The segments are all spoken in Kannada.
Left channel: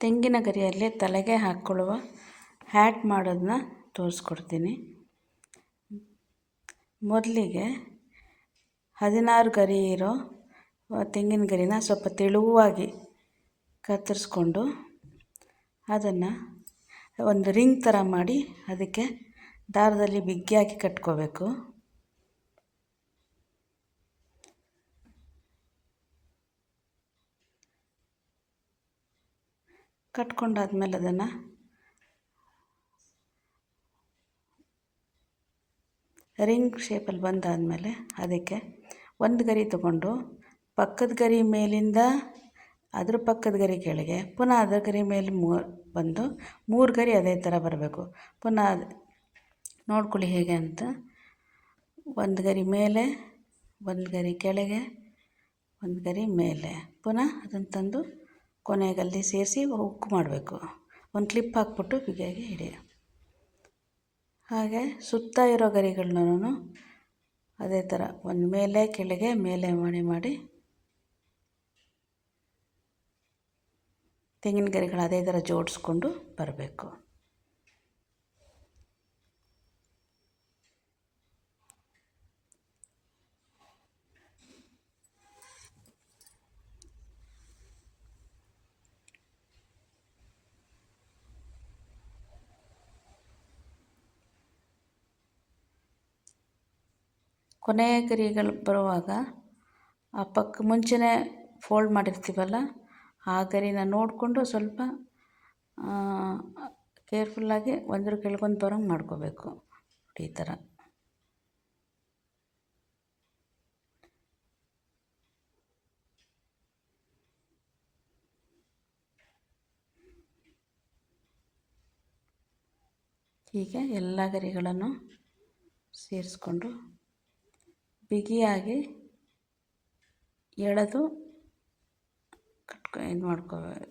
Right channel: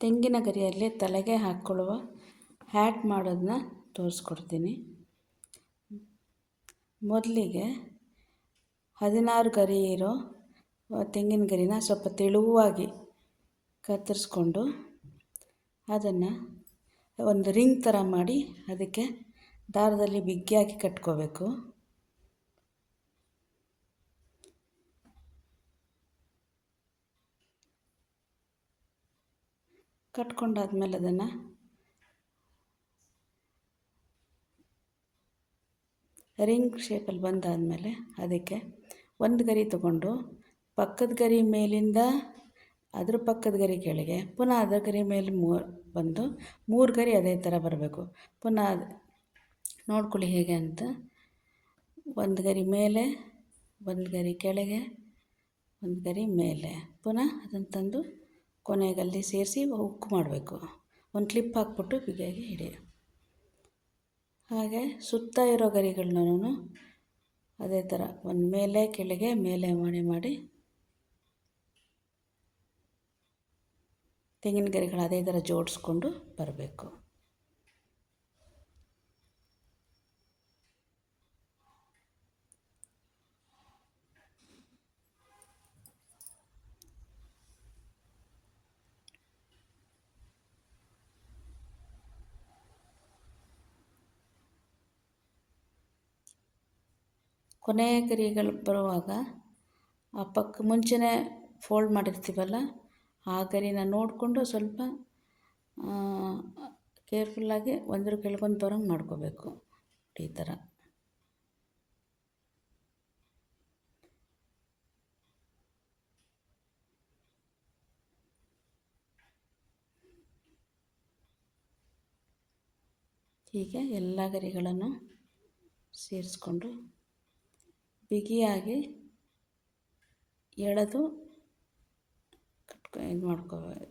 ತೆಂಗಿನ ಗರಿಯಲ್ಲಿ ತಲೆಗೆ ಹಾಕ್ಕೊಳ್ಳುವ ಹ್ಯಾಟ್ ಮಾಡೋದನ್ನ ತೋರಿಸ್ಕೊಡ್ತೀನಿ. ಮೊದಲಿಗೆ 16 ಗರಿ ಇರೋ ತೆಂಗಿನ ಗರಿನ ಸ್ವಲ್ಪ ತೆಳುವಾಗಿ ಕತ್ತರಿಸ್ಕೊಂಡು ಅದನ್ನು ಒಂದು ರಿಂಗ್ ಥರ ಮಾಡಿ ಅದಕ್ಕೆ ದಾರದಲ್ಲಿ ಬಿಗಿಯಾಗಿ ಕಟ್ಕೋಬೇಕು. ಕಟ್ಕೊಂಡಾದ್ಮೇಲೆ ಅದನ್ನು ರಿಂಗ್ ಶೇಪಲ್ಲಿ ಬಂದಾದಮೇಲೆ ಅದಕ್ಕೆ ಒಂದು ಗರಿ ತಗೊಂಡು ಪಕ್ಕದ ಗರಿ ಮೇಲಿಂದ ಅದ್ರ ಪಕ್ಕದ ಗರಿ ಕೆಳಗೆ ಪುನಃ ಅದ್ರ ಗರಿ ಮೇಲೆ ಬಂದು 3 ಗರಿ ಅದೇ ಥರ ಬರಬೇಕು. ಪುನಃ ನೋಡ್ಕೊಳ್ಳಿ ಹೇಗೆ ಅಂತ. ಒಂದು ಗರಿ ಮೇಲೆ, ಒಂದು ಗರಿ ಕೆಳಗೆ, ಒಂದು ಗರಿ ಮೇಲೆ, ಪುನಃ ಅದನ್ನು ತಂದು ಕೊನೆಗಲ್ಲಿ ಸೇರಿಸಿ ಹುಕ್ ಮಾಡಬೇಕು. ಒಂದು ಕ್ಲಿಪ್ ಹಾಕ್ಬಿಟ್ಟು ಬಿಗಿಯಾಗಿ ಹಿಡಿ. ಹಾಗೆ ಸುತ್ತ ಇರೋ ಗರಿಗಳನ್ನೂ ಅದೇ ಥರ ಒಂದು ಮೇಲೆ ಕೆಳಗೆ ಮೇಲೆ ಮಾಡಿ ತೆಂಗಿನ ಗರಿಗಳು ಅದೇ ಥರ ಜೋಡಿಸ್ಕೊಂಡು ಬರಬೇಕು. ಕೊನೆಯ ಗರಿಗಳು ಬರುವಾಗ ಆ ಪಕ್ಕ ಮುಂಚೆನೇ ಫೋಲ್ಡ್ ಮಾಡಿರ್ತೀವಲ್ಲ ಆ ಗರಿನ ನೋಡಿಕೊಂಡು ಸ್ವಲ್ಪ ಕೇರ್ಫುಲ್ಲಾಗಿ ಒಂದ್ರ ಕೆಳಗೊಂದು ಬರೋಂಗೆ ಮಾಡ್ಕೋಬೇಕು. ಈ ಥರ ಹೀಗೆ ಎಲ್ಲ ಗರಿಗಳನ್ನು ಸೇರಿಸ್ಕೊಂಡು ಬಿಗಿಯಾಗಿ ಎಳೆದು ಇದು ಮಾಡ್ಕೋಬೇಕು.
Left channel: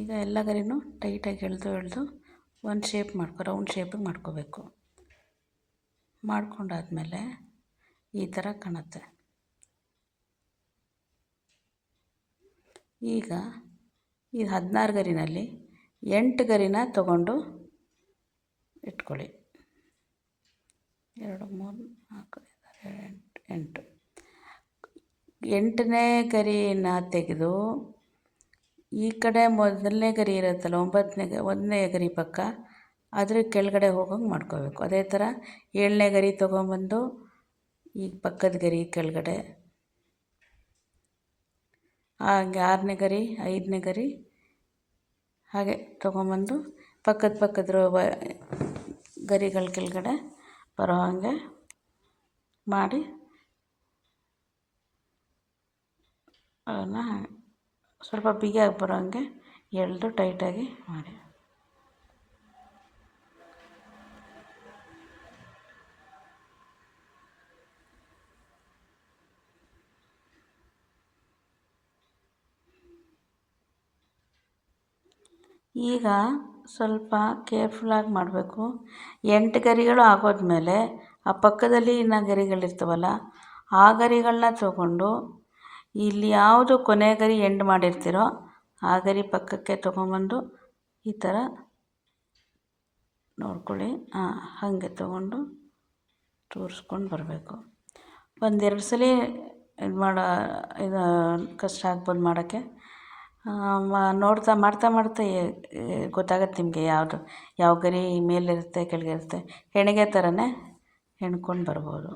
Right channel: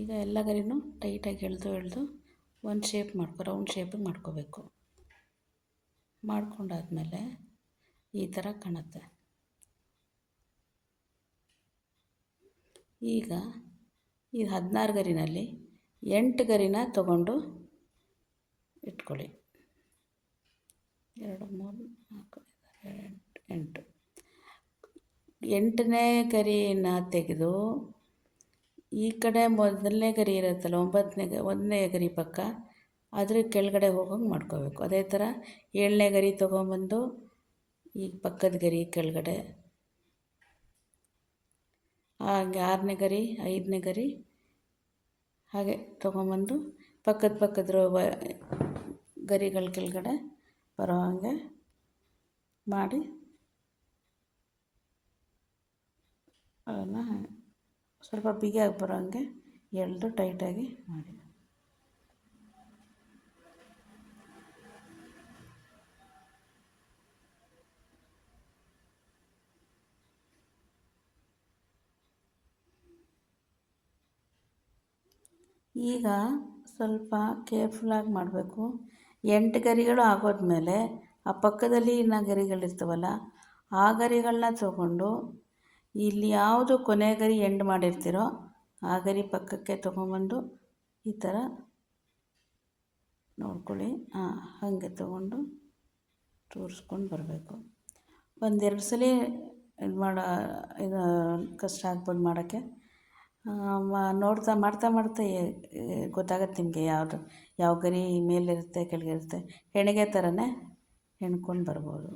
ಈಗ ಎಲ್ಲ ಗರಿನೂ ಟೈಟಾಗಿ ಎಳೆದು ಒಂದು ಶೇಪ್ ರೌಂಡ್ ಶೇಪಿಗೆ ಮಾಡ್ಕೋಬೇಕು. ಮಾಡ್ಕೊಂಡಾದ್ಮೇಲೆ ಈ ಥರ ಕಾಣುತ್ತೆ. ಈಗ ಈ 16 ಗರಿನಲ್ಲಿ 8 ಗರಿನ ತಗೊಂಡು ಇಟ್ಕೊಳ್ಳಿ. 2 3 4 8 8ನೇ ಗರಿನ ತೆಗೆದು ಈ ಕಡೆ ಮೊದಲನೇ ಗರಿ ಇರುತ್ತಲ್ಲ 1ನೇ ಗರಿ ಪಕ್ಕ ಅದ್ರ ಕೆಳಗಡೆ ಹೋಗೋಂಗೆ ಮಾಡ್ಕೋಬೇಕು. ಅದೇ ಥರ 7ನೇ ಗರಿ ತೊಗೊಂಬಂದು ಈ ಪಕ್ಕದ ಗರಿ ಕೆಳಗಡೆ, ಹಾಗೆ 6ನೇ ಗರಿ 5ನೇ ಗರಿ ಹಾಗೆ ತೊಗೊಂಬಂದು ಪಕ್ಕದ ಗರಿಗಳ ಕೆಳಗಡೆ ಬರೋ ಹಾಗೆ ಮಾಡಿ ಅದನ್ನು ಸ್ವಲ್ಪ ಬಿಗಿಯಾಗಿ ಬರೋ ಹಾಗೆ ಎಳೆದು ಟೈಟಾಗಿ ಮಾಡಿ. ಈಗ ಸ್ವಲ್ಪ ಕೇರ್ಫುಲ್ಲಾಗಿ ಮಾಡಬೇಕು. 8 ಗರಿಗಳು ಆಗೋದ್ಮೇಲೆ ಆ ಪಕ್ಕದಲ್ಲಿ ಇನ್ನು ಗರಿಗಳಿರ್ತವಲ್ಲ ಆ ಗರಿಗಳನ್ನ ತಗೊಂಡು ಇಲ್ಲಿ ಯಾವುದು ಕೊನೆ ಗರಿ ಎಂಡ್ ಮಾಡಿರ್ತೀರೋ ಆ ಗರಿ ಪಕ್ಕಕ್ಕೆ ತೊಗೊಂಬಂದು ಈ ಥರ ನೋಡ್ಕೊಳ್ಳಿ. ಹಾಗೆ ತೊಗೊಂಡು ತೋರಿಸ್ಕೊಂಡು ಬರಬೇಕು. 1-2 ಸಲ ಇದು ಕಷ್ಟ ಆಗ್ಬೋದು ಮಾಡೋಕ್ಕೆ. ಮಾಡ್ತಾ ಗೊತ್ತಾಗತ್ತೆ ನಿಮಗೆ ಯಾವ ಗರಿ ಮೇಲಿರುತ್ತೆ ಕೆಳಗಿರುತ್ತೆ. ಹೆಣಿಗೆ ಥರನೇ ಹೆಣ್ಕೊಂಡು ಬರ್ಬೋದು.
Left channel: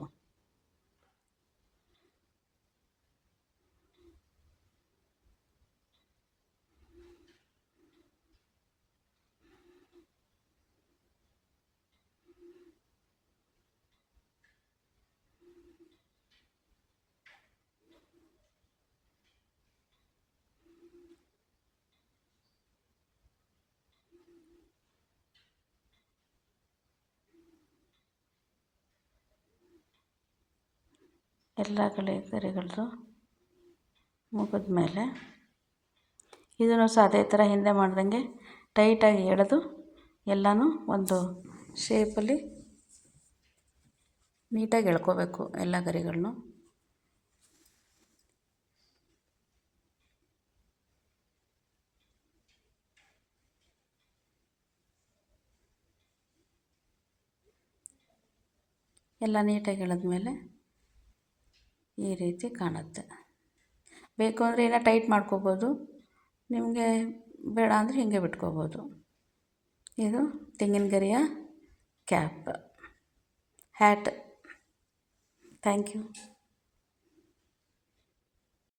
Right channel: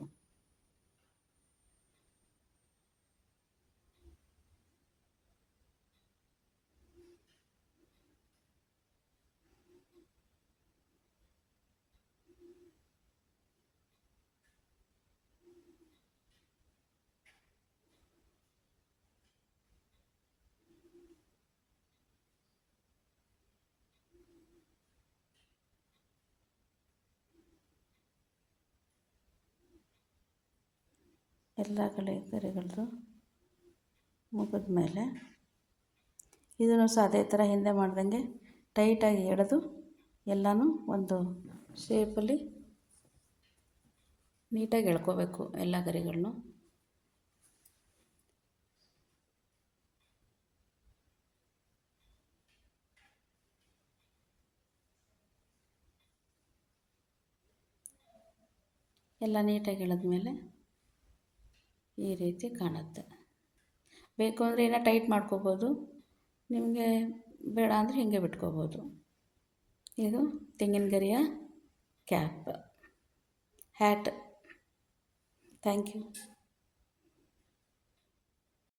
ಎಲ್ಲ ಗರಿಗಳದ್ದು ಮುಗಿದ ಮೇಲೆ ಇದನ್ನು ಸಹ ಅದೇ ಥರ ಹಿಂದೆ ಮಾಡ್ದಂಗೆ ಟೈಟಾಗಿ ಎಳೆದು ಎಲ್ಲನೂ ಒಂದು ಶೇಪಲ್ಲಿ ನೀಟಾಗಿ ಎಳ್ಕೋಬೇಕು ಎಲ್ಲ ಗರಿಗಳನ್ನು. ಎಲ್ಲ ನೀಟಾಗಿ ಎಳೆದ್ಮೇಲೆ ಈ ರೀತಿ ಕಾಣುತ್ತೆ. ಬೇಕು ಅಂದರೆ ಇನ್ನೂ ಟೈಟ್ ಮಾಡ್ಕೋಬೋದು, ನಿಮಗೆ ಬೇಡ ಅಂದರೆ ಹೀಗೆ ಬಿಟ್ಕೋಬೋದು. ಇದು ತೆಂಗಿನ ಗರಿಯ ಕ್ಯಾಪ್ ಹ್ಯಾಟ್. Thank you.